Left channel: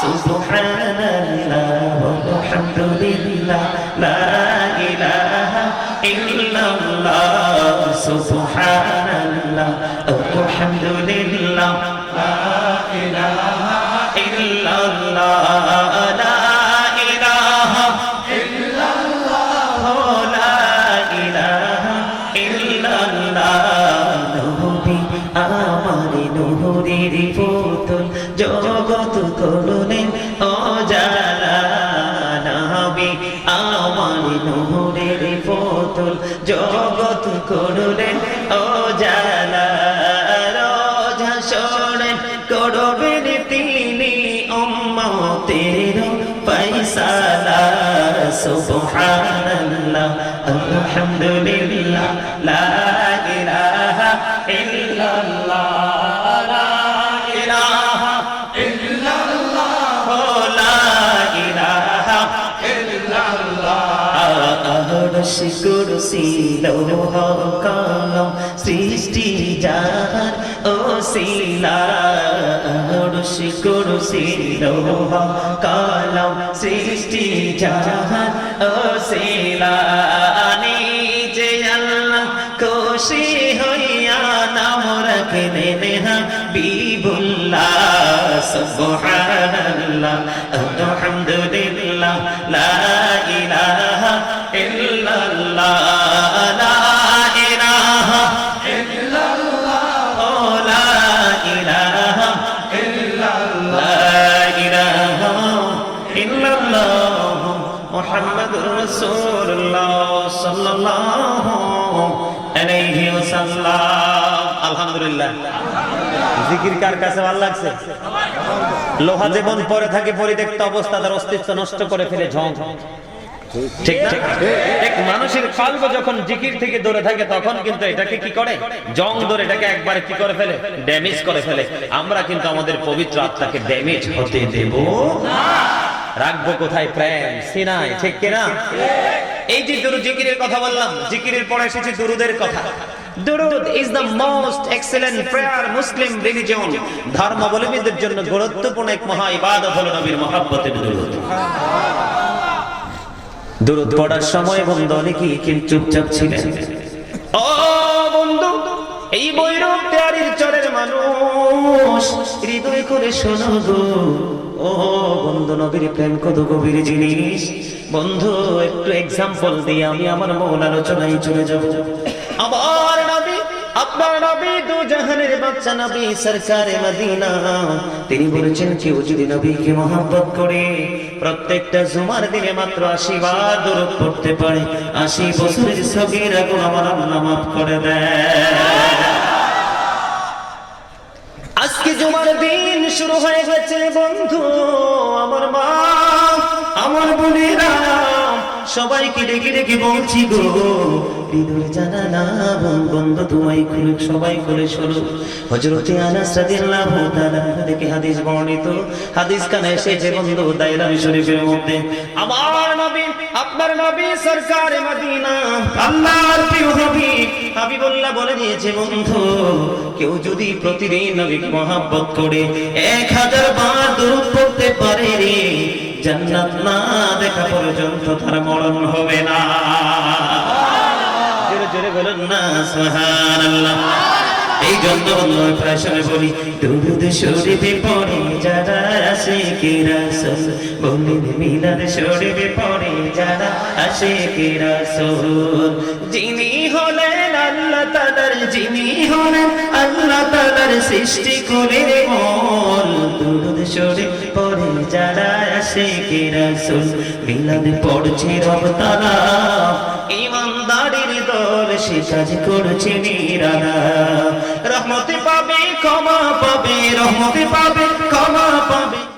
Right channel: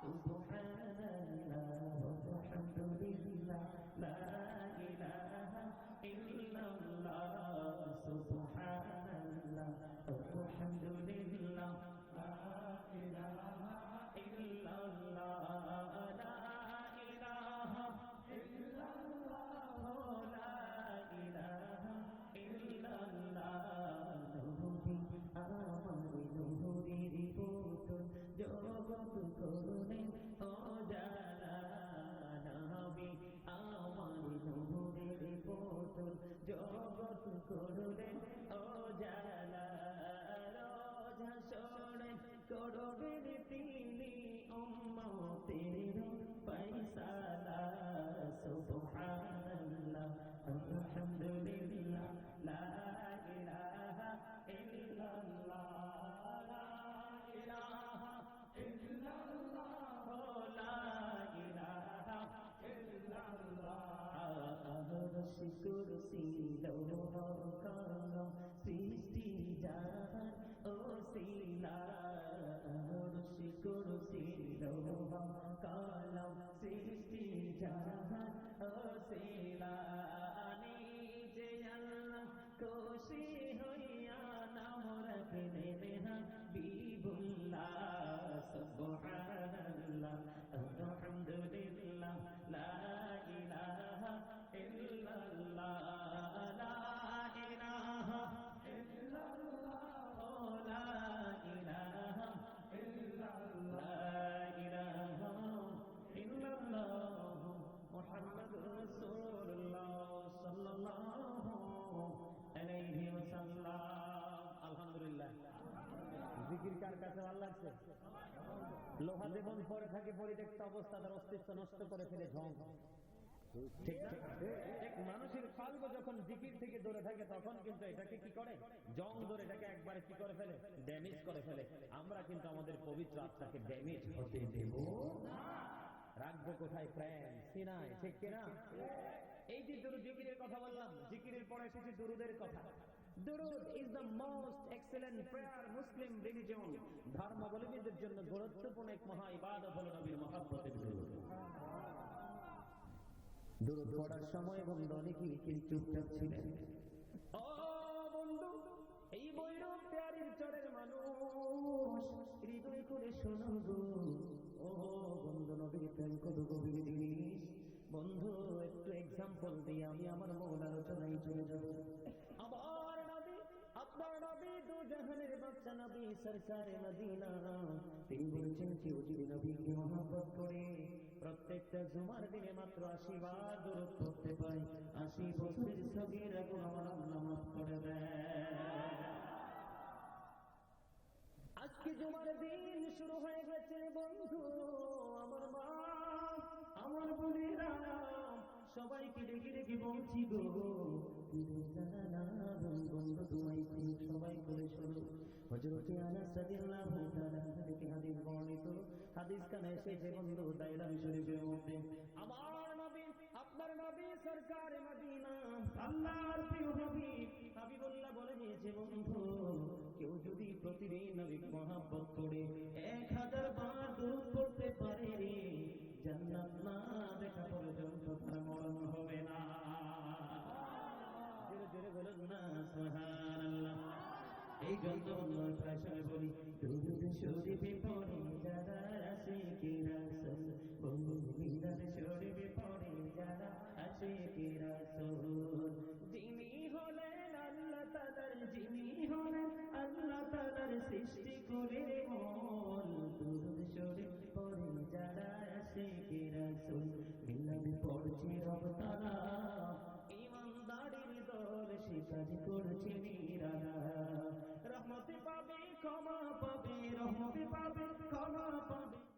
সুবহানাল্লাহ করলেন ও রোজা শোনেন করবেন তিনি উম্মতের ফয়সালা। সুবহানাল্লাহ আলহামদুলিল্লাহ লা আরশ কুরসি লৌহ সৃষ্টি যার ওসিলা আরশ কুরসি লৌহ কলম সৃষ্টি যার ওসিলা নিজে আল্লাহ খুশি হইয়া নাম রাখলেন হাবিবুল্লাহ সুবহানাল্লাহ আলহামদুলিল্লাহ জিকির কার কাছে ভালো লাগছে? লোহা যেমন পরে থাকে পরিত্যক্ত অবস্থা তার অস্তিত্ব নষ্ট করে ফেলে ঝং ঠিক না? এক মানুষের কাল্প যখন জিকির থেকে দূরে থাকে তখন কিন্তু এটাকে কি করে? জং ধরে এটাকে একবারে কি করে ফেলে? ড্যামেজ করে ফেলে। আমরা কিন্তু আমাদের পবিত্র আত্মাকে ড্যামেজ হতে দেব। রাখব কোথায়? প্রেম সিনায় ঠিক কিনা? এই যে দুরু জিকিরের কথা বললাম, জিকিরের পরে এসেছে দুরুদের কথা। কিন্তু চুপচাপ ছিলেন। ও বন্ধু, এই বৈরব তেয়ারির চরের মানুষ। হৃদয় করে শোনো গো। ও বন্ধু নবীর প্রেম কত গভীর জিনিস। বন্ধু, একটু এক্সাম্পল দিয়ে আমি আমার আলোচনায় চলে আমার তিনি বলেছেন, কেউ যদি নবীকে মহাব্বত করে, প্রত্যেকটা জুমার দিনে মাত্র আশি বার পড়তে পারে। আশি বছরের সগিরা গুণ আমার আল্লাহ মাফ করে দেয়। আজকে জুমার দিন শুরু হয়ে গেছে বন্ধু, আমার মা, আমার বোনেরা। সবাইকে ডেকে ডেকে বলছি গো না বন্ধু, তোমায় খুলে, সবাই শোনো হজরতে আনাস রাদিয়াল্লাহু তাআলা থেকে হাদিস বর্ণিত। হাদিস কানে এসেছে বন্ধু শরীফের মধ্যে। আমার আপনার নবী সরকারে মদিনা। আল্লাহর প্রিয় হাবিব হাবিবুল্লাহ বলে দিয়েছে, বন্ধু, কেউ যদি প্রতিদিন নবীকে মহাব্বত করে এক হাজার বার দূর পড়তে পারে রে, জান্নাত না দেখা পর্যন্ত তার মরণ হবে না। জোরে জোরে বলুন না, সুবহানাল্লাহ। এই জন্য সময় বলি, দুরুদ শরীফে পড়ে যারা আসে কি রাসূল বলিন মিলাদ শরীফে পড়ে যারা আসে কি রাসূল যিনি হলেন আল্লাহ তাআলার, যিনি হলেন আল্লাহ তাআলার সৃষ্টি করে মন। দুরুদ শরীফ পড়ে যারা আসে কি রাসূল মিলাদ পড়ছে রব তাআলা। ইমানদারির দল সে কাজ করছে নিরালা। রহমতে পাবে ক্ষমা পাবে রহমতি পাবে ক্ষমা পাবে।